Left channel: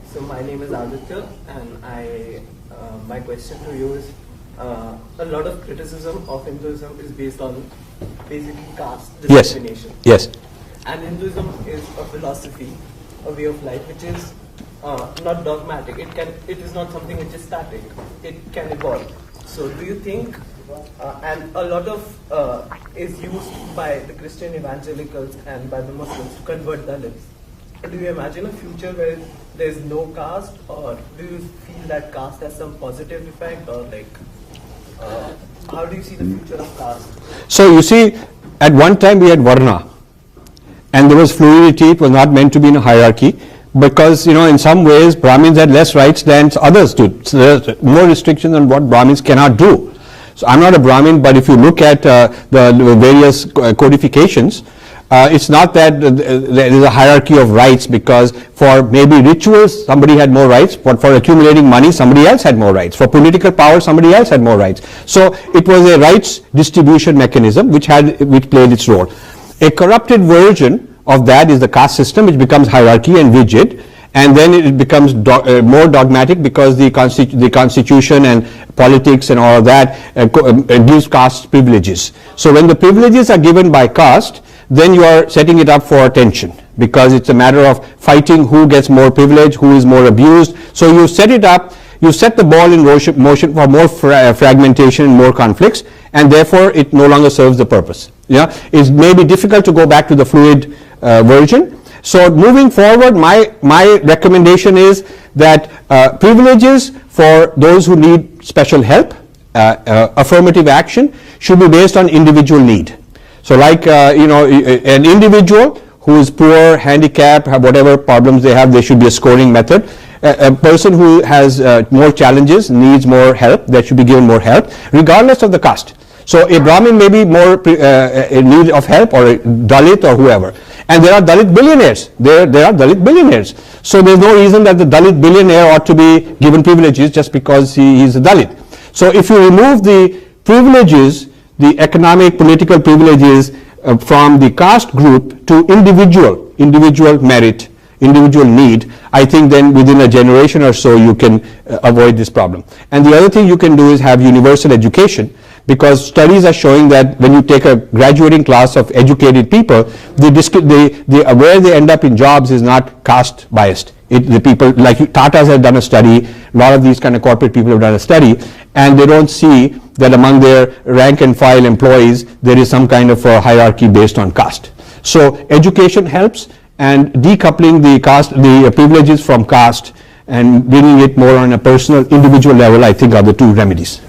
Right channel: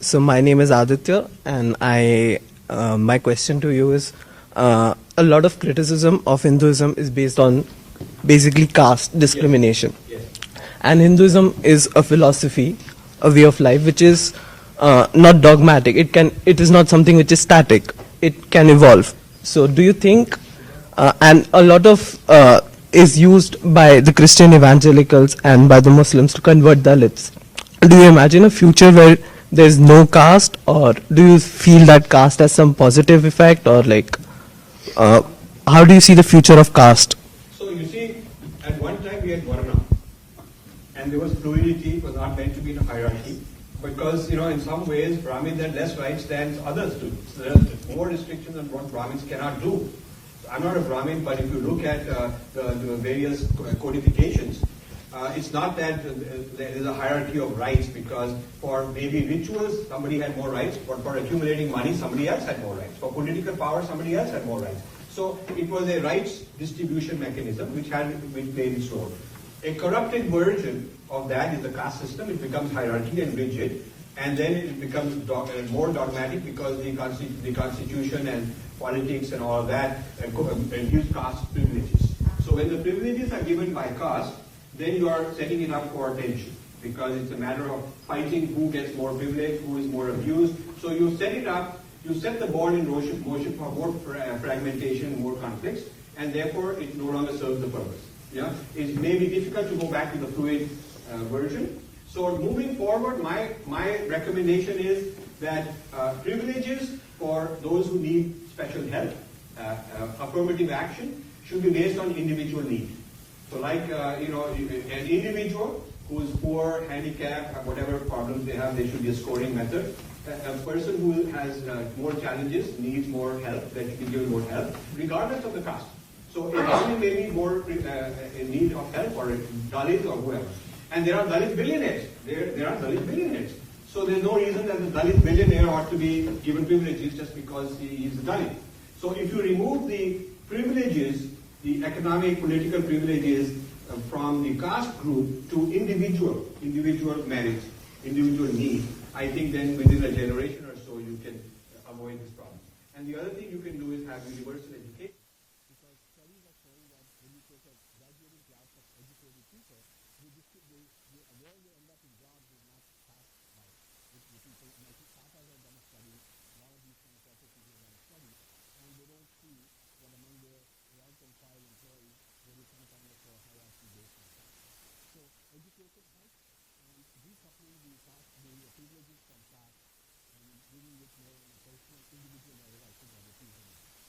So my name is Aditya, and my question to you is, a lot of criticism of Hinduism is based on basically caste discrimination. Yes. And Hinduism is a philosophy, a way of life, which is not dogmatic. It is not something which is static. It can evolve. So do you think, and a lot of is used by the Christian evangelicals and by the Muslims to convert Dalits. Do you imagine a future where there's no caste, or do you feel that caste has some positive effect, or like, how do you see the future of caste? So you see, at one time we had Varna, and there was fluidity. It was not meant to be in a hierarchy, because in some ways Brahmins had less rights than others did. So there's more restrictions on what Brahmins cannot do. So I'm not a Brahmin, but if you look at the various codifications, it's not that there is a hierarchy of rights, because for maybe rituals somebody had more rights, but for accumulating money somebody else had more rights. For political power somebody else had more rights. So it was a rights distribution mechanism which played its role. A corrupted version of that is the caste system, which becomes hierarchy and rigid, and then it becomes more dogmatic, because the constitution and politics and all of that gives caste privileges. So when the privileges are given by caste, then you are setting it up for tension, because it's a matter of fighting who gets more privilege, who is more abused. So you set it up, you set the ball in motion for more fragmentation and more conflicts, and therefore it no longer serves the purpose. It may be difficult to go back to the fluid version. So moving forward, my recommendation is that privileges for those who need special help, affirmative action, should be based on individual need. So like an individual who is poor, handicapped, whatever problems they have, there should be a scoring method. A person who has more challenges, needs more help, that should be given more help, regardless of the caste. So a Brahmin may be more in need of help, or a Dalit, or whoever. And there are Dalit billionaires. There are Dalit billionaires. So there's no reason that the Dalit billionaire ought to be given privileges just because he is a Dalit. So if you remove the privileges, the economic, political privileges from the caste group to individual merit, individual need, I think then within a generation or so you can avoid this problem. And the other thing you can do is have universal education, because studies are showing that when you take a graduating class of educated people, where they end up in jobs is not caste biased. The people like Tatas have done a study, a lot of these kind of corporate people have done a study, and they don't see that among their rank and file employees there is some kind of a hierarchy based on caste. So education helps, and decoupling the privileges from caste and bringing it more on a personal, individual level, I think are the two remedies.